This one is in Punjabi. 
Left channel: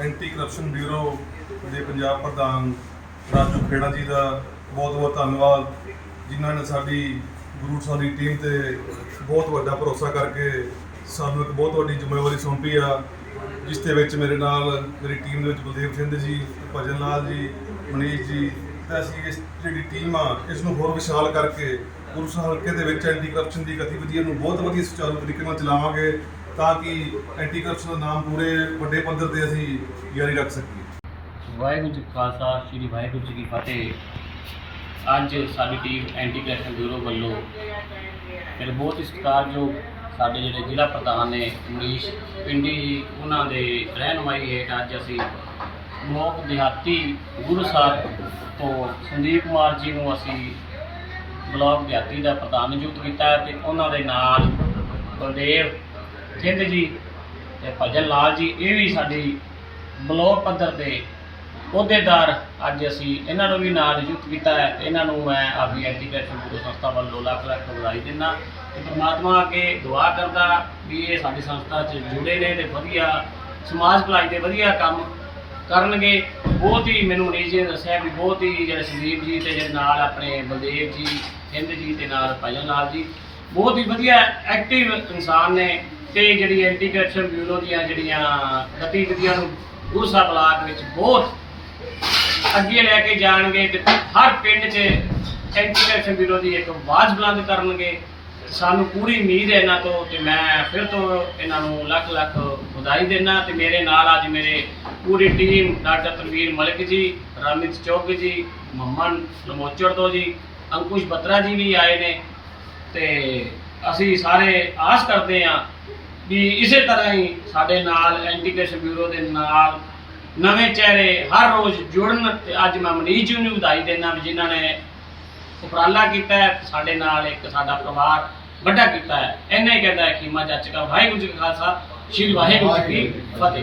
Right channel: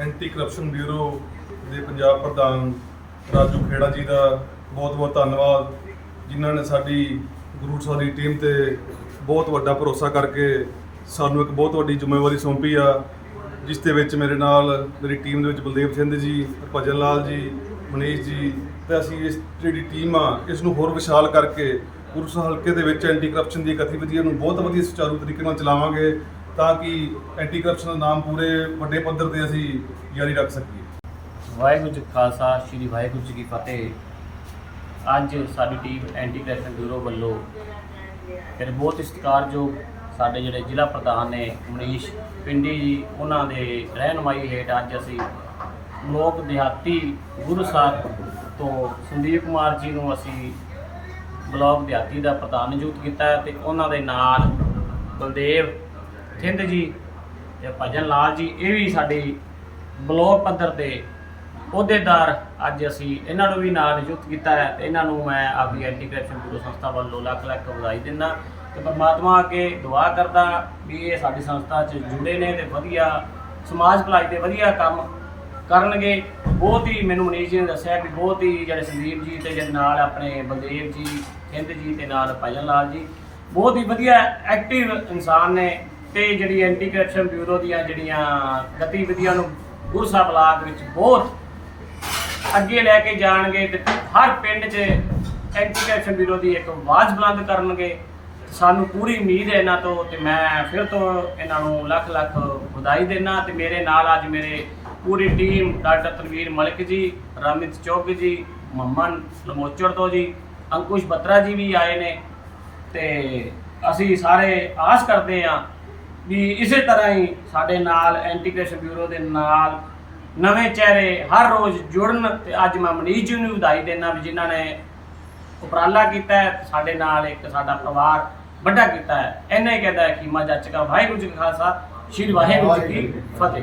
ਐਂਟੀ ਕਰਪਸ਼ਨ ਬਿਊਰੋ ਦੇ ਪੰਜਾਬ ਪ੍ਰਧਾਨ ਰਾਜੂ ਖੇੜਾ ਜੀ ਦਾ ਬਹੁਤ ਬਹੁਤ ਧੰਨਵਾਦ, ਜਿਨ੍ਹਾਂ ਨੇ ਸਾਡੀ ਗੁਰੂ ਸਾਹਿਬ ਦੀ ਟੀਮ ਤੇ ਬਹੁਤ ਵੱਡਾ ਭਰੋਸਾ ਕਰਕੇ ਸਾਨੂੰ ਇੱਕ ਬਹੁਤ ਵੱਡੀ ਜ਼ਿੰਮੇਵਾਰੀ ਸੌਂਪੀ ਆ, ਜਿਸ ਦੇ ਵਿੱਚ ਮੇਰੇ ਨਾਲ ਮੇਰੀ ਟੀਮ ਦੇ ਵਿੱਚ ਬਲਦੇਵ ਸਿੰਘ ਜੀ, ਭਜਨ ਲਾਲ ਜੀ, ਮਨੀਸ਼ ਜੀ ਤੇ ਅਸੀਂ ਇਸ ਜਿਹੜੀ ਟੀਮ ਆ, ਇਸ ਨੂੰ ਹੋਰ ਵਿਸ਼ਾਲ ਕਰਕੇ ਗੁਰੂ ਸਾਹਿਬ ਹਲਕੇ ਦੇ ਵਿੱਚ ਐਂਟੀ ਕਰਪਸ਼ਨ ਦੀ ਗਤੀਵਿਧੀਆਂ ਨੂੰ ਬਹੁਤ ਵਧੀਆ ਸੁਚਾਰੂ ਤਰੀਕੇ ਨਾਲ ਚਲਾਵਾਂਗੇ। ਤਾਂ ਕਿ ਐਂਟੀ ਕਰਪਸ਼ਨ ਦਾ ਨਾਮ ਪੂਰੇ ਵੱਡੇ ਪੱਧਰ ਤੇ ਅਸੀਂ ਜਾਰੀ ਰੱਖ ਸਕੀਏ। ਵਾਹਿਗੁਰੂ ਜੀ ਖਾਲਸਾ, ਸ੍ਰੀ ਵਾਹਿਗੁਰੂ ਜੀ ਕੀ ਫਤਿਹ। ਅੱਜ ਸਾਡੀ ਟੀਮ ਐਂਟੀ ਕਰਪਸ਼ਨ ਬਿਊਰੋ ਵੱਲੋਂ ਫਿਰ ਬਹੁਤ ਹੀ ਸਤਿਕਾਰਯੋਗ ਸਾਡੇ ਜਿਹੜੇ ਜ਼ਿਲ੍ਹਾ ਪ੍ਰਧਾਨ ਨੇ ਮਨੀਸ਼ ਪਿੰਡੀ ਜੀ, ਉਹਨਾਂ ਦੇ ਰਹਿਨਮਾਈ ਹੇਠ ਅੱਜ ਅਸੀਂ ਲੋਕ ਦਿਹਾਤੀ ਗੁਰੂ ਸਾਹਿਬ ਤੋਂ ਸੰਦੀਪ ਕੁਮਾਰ ਜੀ ਨੂੰ ਅਸੀਂ ਬਲਾਕ ਦਿਹਾਤੀ ਦਾ ਪ੍ਰਧਾਨ ਨਿਯੁਕਤ ਕੀਤਾ ਹੈ ਤੇ ਉਹਨਾਂ ਦੇ ਨਾਲ ਬਲਦੇਵ ਥਿੰਦ ਜੀ ਤੇ ਭਜਨ ਲਾਲ ਜੀ, ਇਹ ਵੀ ਸਾਡੀ ਬਲਾਕ ਪੱਧਰ ਦੇ ਅਹੁਦੇਦਾਰ ਅੱਜ ਅਸੀਂ ਇਹਨਾਂ ਨੂੰ ਵੀ ਨਾਲ ਨਿਯੁਕਤ ਕੀਤਾ ਹੈ ਤੇ ਇਹਨਾਂ ਨੂੰ ਮੈਂ ਆਪਦੀ ਐਂਟੀ ਕਰਪਸ਼ਨ ਬਿਊਰੋ ਸੰਸਥਾ ਵੱਲੋਂ ਲੱਖ ਲੱਖ ਵਧਾਈ ਦਿੰਦਾ ਤੇ ਪਰਮਾਤਮਾ ਅੱਗੇ ਦੁਆ ਕਰਦਾ ਵੀ ਇਹ ਸਾਡੀ ਸੰਸਥਾ 'ਚ ਜੁੜੇ ਨੇ ਤੇ ਵਧੀਆ ਸਮਾਜ ਭਲਾਈ ਦੇ ਵਧੀਆ ਕੰਮ ਕਰਨਗੇ। ਬਹੁਤ ਹੀ ਮੈਨੂੰ ਮਨੀਸ਼ ਜੀ ਨੇ ਦੱਸਿਆ ਵੀ ਬਹੁਤ ਹੀ ਜਿਹੜੇ ਸੰਦੀਪ ਜੀ ਤੇ ਜਿਹੜੇ ਨਾਲ ਆਪਣੇ ਬਲਦੇਵ ਜੀ ਹਿੰਦ ਜੀ ਤੇ ਨਾਲ ਭਜਨ ਲਾਲ ਜੀ, ਬਹੁਤ ਹੀ ਵਧੀਆ ਐਕਟਿਵ ਇਨਸਾਨ ਨੇ। ਤੇ ਜਿਹੜੀ ਐਂਟੀ ਕਰਪਸ਼ਨ ਬਿਊਰੋ ਦੀਆਂ ਜਿਹੜੀਆਂ ਗਤੀਵਿਧੀਆਂ ਨੂੰ ਗੁਰਸਾ ਬਲਾਕ ਵਿੱਚ ਬਹੁਤ ਅੱਗੇ ਲੈ ਕੇ ਜਾਣਗੇ ਤੇ ਹਰ ਪਿੰਡ 'ਚ ਐਂਟੀ ਕਰਪਸ਼ਨ ਬਿਊਰੋ ਦੀ ਇੱਕ ਆਵਾਜ਼ ਬੁਲੰਦ ਕਰਨਗੇ। ਸਾਨੂੰ ਪੂਰੀ ਉਮੀਦ ਹੈ ਇਹਨਾਂ ਤੋਂ ਤੇ ਮੈਂ ਫਿਰ ਤੋਂ ਇਹਨਾਂ ਨੂੰ ਲੱਖ ਲੱਖ ਵਧਾਈ ਦੇਣਾ ਤੇ ਮੇਰੇ ਨਾਲ ਅੱਜ ਮੇਰੇ ਪੂਰੀ ਟੀਮ ਡਾਕਟਰ ਤਨਵੀਰ ਮਲਿਕ ਜੀ, ਰਮਿਤ ਚੌਕ ਜੀ, ਮਮਨ ਲਮੋਚੜ ਤੋਂ ਜੀ, ਅੰਕੁਸ਼ ਬਤਰਾ ਜੀ ਵੀ ਆਏ ਨੇ। ਤੇ ਅਸੀਂ ਸਾਰੇ ਆਸ ਕਰਦੇ ਹਾਂ ਵੀ ਇਸੇ ਤਰ੍ਹਾਂ ਹੀ ਸਾਡੇ ਨਾਲ ਐਂਟੀ ਕਰਪਸ਼ਨ ਬਿਊਰੋ ਦੇ ਨਾਲ ਨਵੇਂ ਚਿਹਰੇ ਹਰ ਰੋਜ਼ ਜੁੜਨ ਤੇ ਅੱਜ ਮੈਂ ਮਨੀਸ਼ ਜੀ ਨੂੰ ਵਧਾਈ ਦੇਣਾ ਵੀ ਜਿਨ੍ਹਾਂ ਨੇ ਉਪਰਾਲਾ ਕੀਤਾ ਹੈ ਸਾਡੇ ਨਾਲ ਇੱਕ ਸਾਡਾ ਪਰਿਵਾਰ ਵੱਡਾ ਕੀਤਾ ਹੈ। ਇੰਨਾ ਹੀ ਕਹਿੰਦਾ ਹੈ ਕਿ ਮਾ ਜੱਚ ਕਾ ਵਾਹਿਗੁਰੂ ਜੀ ਕਾ ਖਾਲਸਾ ਸ਼੍ਰੀ ਵਾਹਿਗੁਰੂ ਜੀ ਕੀ ਫਤਿਹ।